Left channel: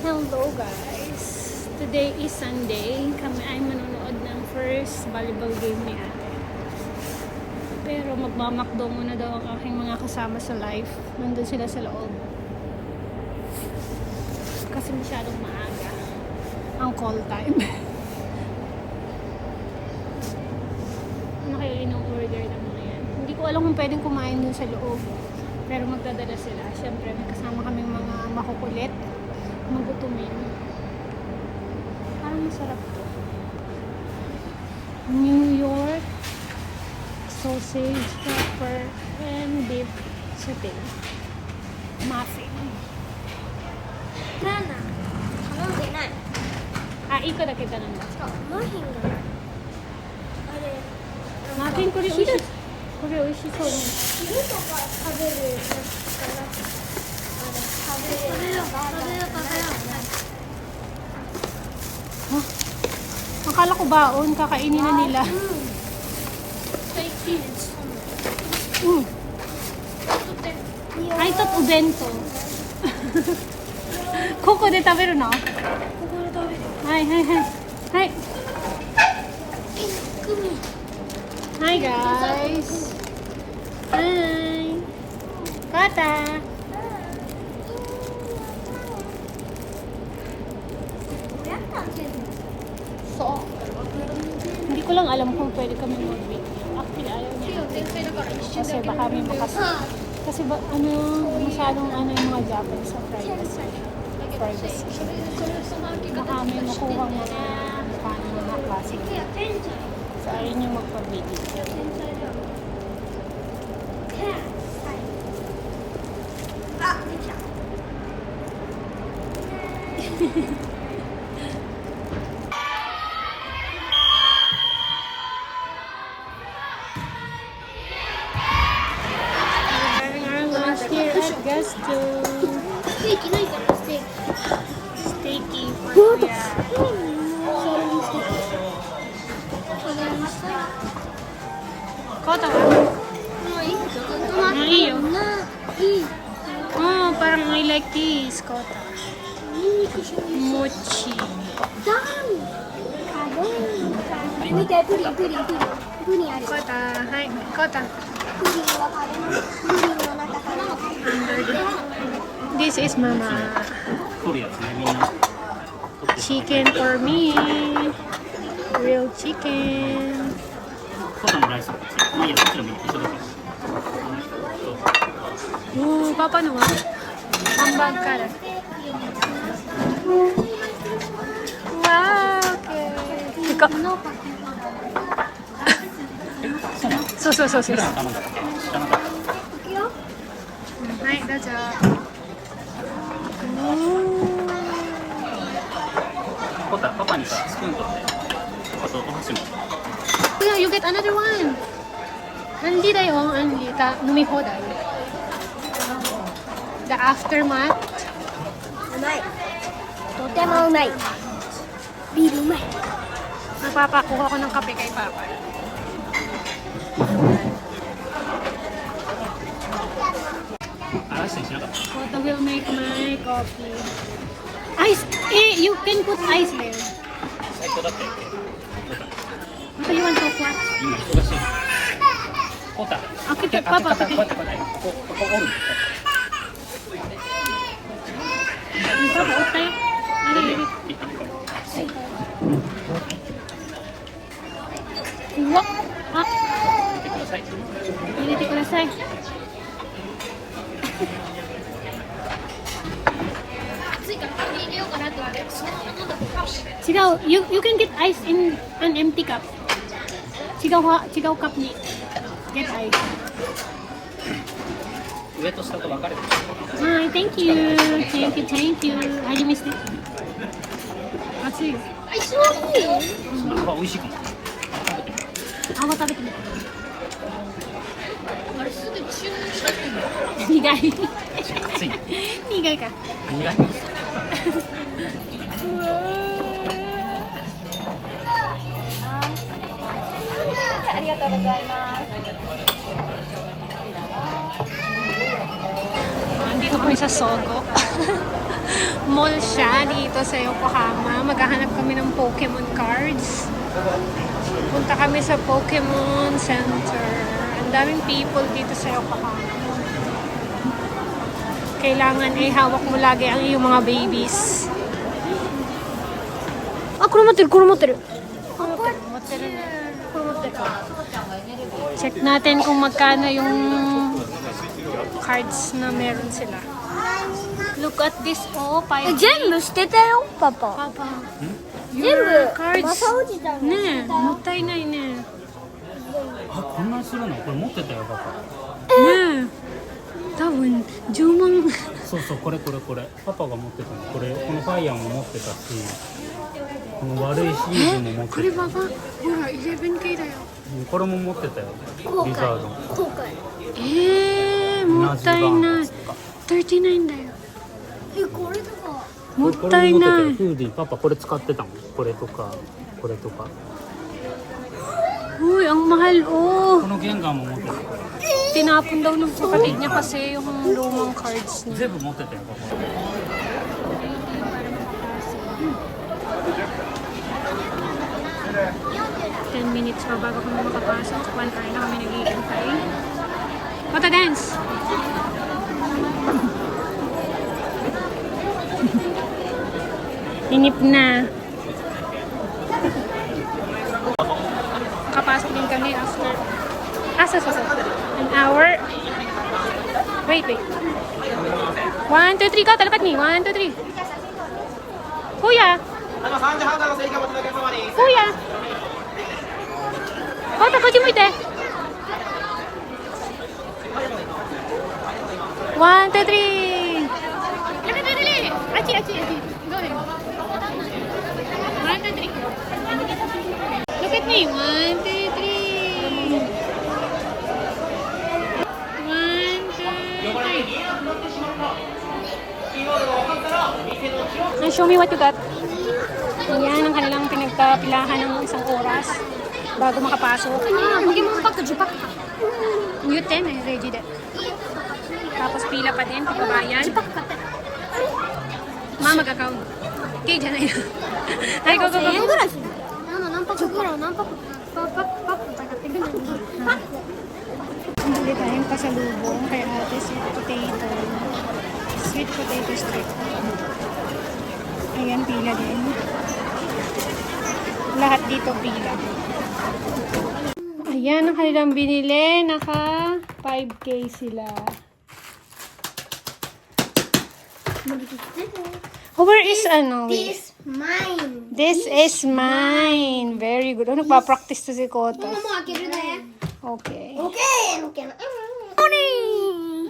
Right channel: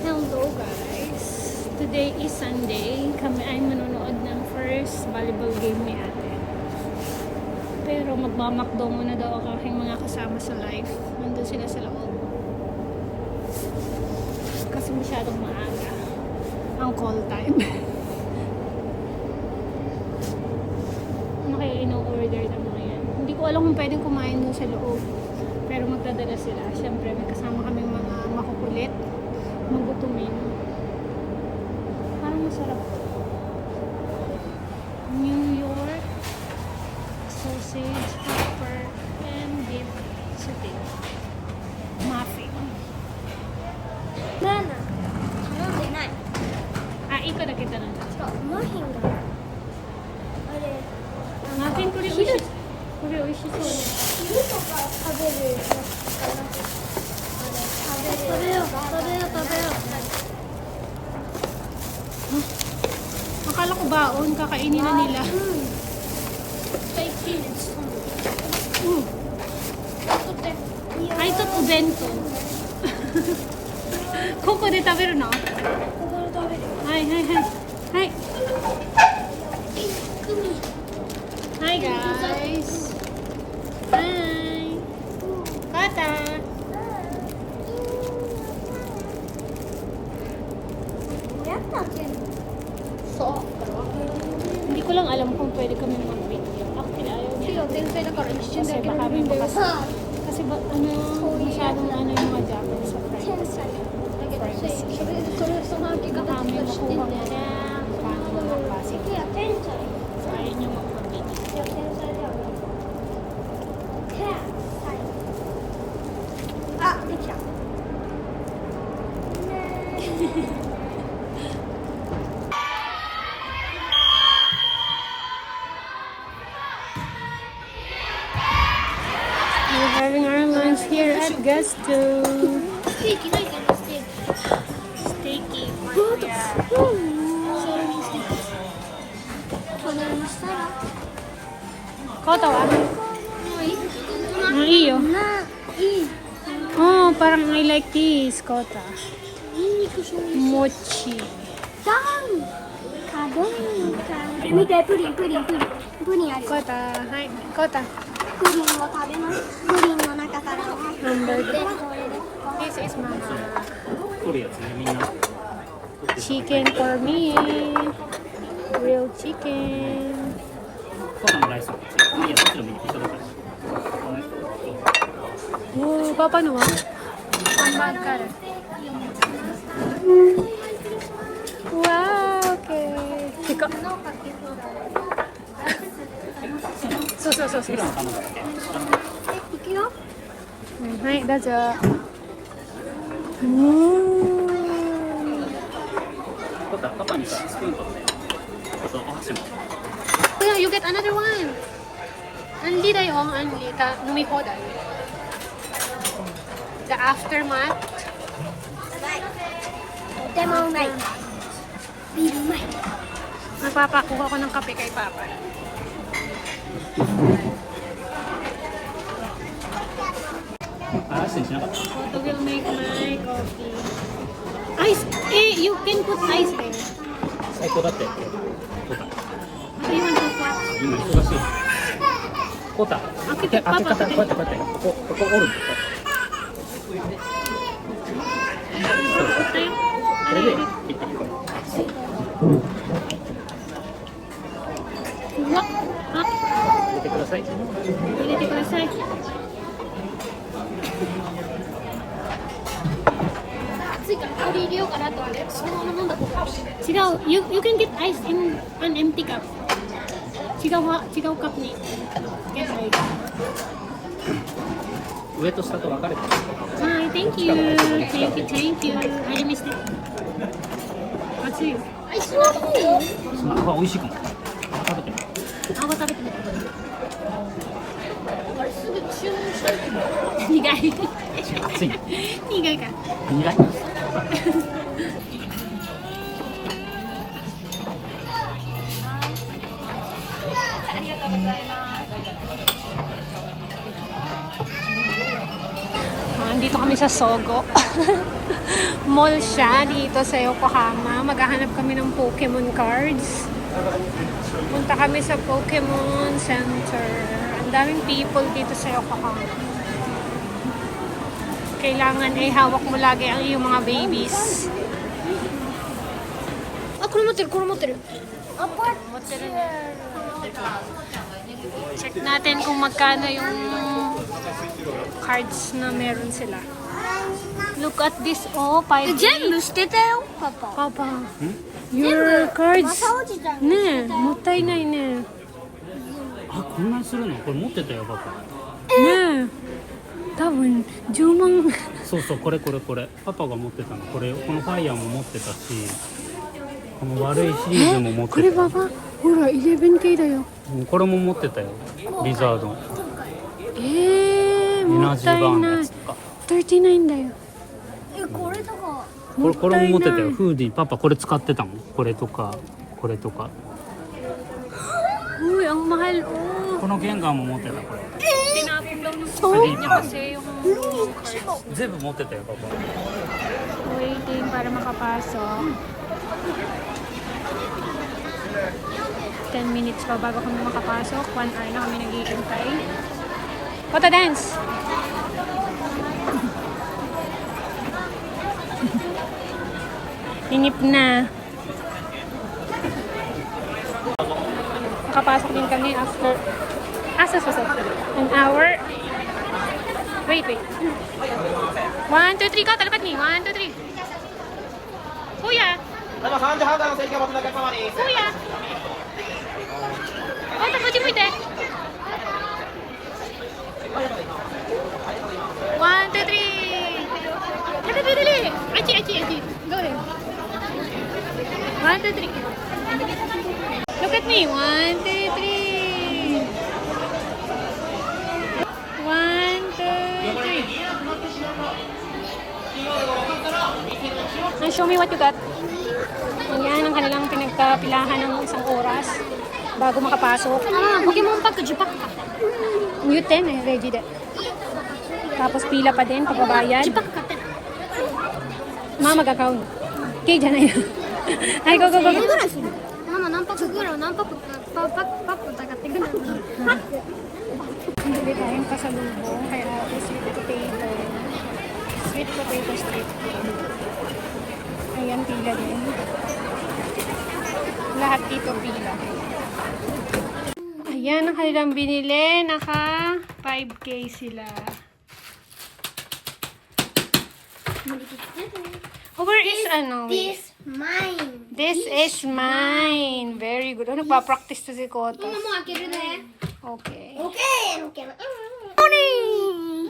Hello guys! Today is Sunday. Kami ay manonood ng first volleyball game ni ate. Pero magmamakdo muna daw ang aking mga kasama sa live. Nandun sila sa loob. Kasi masyadong maaga ang call time. Ano kaya ino-order ng mga yan? Hindi ko alam kung pwedeng kumain dun sa loob. Pero magdadala sila. Siyempre may kasama kaming mga makukulit. Magutumin. Parang masarap to. New York sausage, pepper, and beef chicken. Muffin. 頼んでない。あ、1個だけ頼んだ。そう、マフィンがあれ、マフィンこれ美味しい。これ美味しそうね。昼とか食べるやつかな。あれ、食べる。食べよう、食べよう。 Akala ko baon, kakainin na nila. Fake cheese. Ito po gento. Koko de taberu no? ここで食べる。はいはいはい。はい。Hi guys. Hi. Bata. So, Hindi ko lang alam kung pwede kami mag-video. Actually, ayaw niya. Kasi baka may kasi ba, masyadong yung mga Japanese sa privacy. Baka may makuhang mga mukha ng mga klaseng dito. So, ayaw niya magpa-video. Guess to steaky for Kuya. Kota wa? Iyo. Oh, parang I like this, Kota. Mochi. Kota, hi. Kota. Hamburger. This is Mama. Chicken for me. Real chicken. Oh, Papa no? Hambag ka na. Wow, okay. Ika. So. はい、どうぞ。Kuya, you get another one. Anli da yung anli ka numihoday. The aftermath. 甘い。とてもうまい。ビールうまい。 Nagpapakuha ko ng kape kay Papa. Photo will make my coffee. Ice! You can put ice there. 最高だったよ。 What do you want to put? 今忙しい。ポタ。開けて、パパ。こうやってここ折る。これでピッタリ。 うわっ、あ、入れてください。入れてください。暑いから氷入れようかなと思ってそのまま飲んだ方が美味しい。違う、you can get ice in an empty cup. 違うカップに get ice. 上と下と分かれてる。はい、thank you. Thank you. 入りました。熱いよ。あ、そういい。その方が美味しいかも。泡食べてみて。あれすぐ注文したいけど。苦い。熱い。苦いか。苦い。ありがとうございます。Nandito kami sa Sogo. mall siya dito sa Yokohama. Maghahanap kami ng Pokemon cards. Punta kami sa Pokemon Center. Ang daming people dito sa Yokohama. Kailangan ay hawak mo lagi ang iyong mga babies. Ah, kurumoteru. Check natin kung magkano yung cards na meron sila. Look at this, oh, 5 全部捨てたよ、パパ。 Papa, your cards, 落ちたの。ねえ、もったいないね。あ、こんなにするの？これ持ってたよパパ。ねえ、多分10万。そうそう、これパパが持ってたの。これこのファイヤーも持ってたし、この悪いシリーズも持ってた。これパパ、ほら 11K だよ。うん、これも持ってたよ。後リザー悔。ド。後悔。もったいない。39だよ。これとか。もっこれたいも持ってたよ。ない。フーディーパパこれ使ってたもん。これとかこれとか。 Uy, ang mahal, oh. このゲンガーも持ってた。 Tinapon daw ng kapatid niya kasi yung lumang cards niya. 全部持ってたよパパ。 Waiting para makapasok. 10 minutes pa bago kami makapasok. 1 hour na kami nag-iintay. Kota dance! Inip na. Nakapasok din kami after an hour. Wait. 1, 2, 3 ka. Talapat ni. 1, 2, 3. Kuya! 今3時半台の席が待つお客様です。 Kuya! Kota, pwede mo ite. 1, 2, 3. Dali. Achi. Go ahead. 1, 2, 3. Look at me. 1, 2, 3. 1, 2, 3. Show me what you got. Yan ang kanilang pinagkapilahan ng isang oras bago makapasok. Pokemon pack 10パックか。 Mute din eh, ready din. Tapos pila pa din, pagbabayad. 10パック買って。 Mama mag-account. Kaya dyan na yun. Ay, go. ぐらいする。何パックぐらい何パックパック買ってくる。 Bili tayong pasalubong kay ate, sweet potato. Sweet potato strip. Ayan, pila din. Lahat dito pila. Ayan ang kanilang binili. Naka 5K sila. Oh, where is ano? This mine. This is mine. Very good. Oh, nagpa-practice to si Kota. もう開けるね。 Okay. Okay. Morning!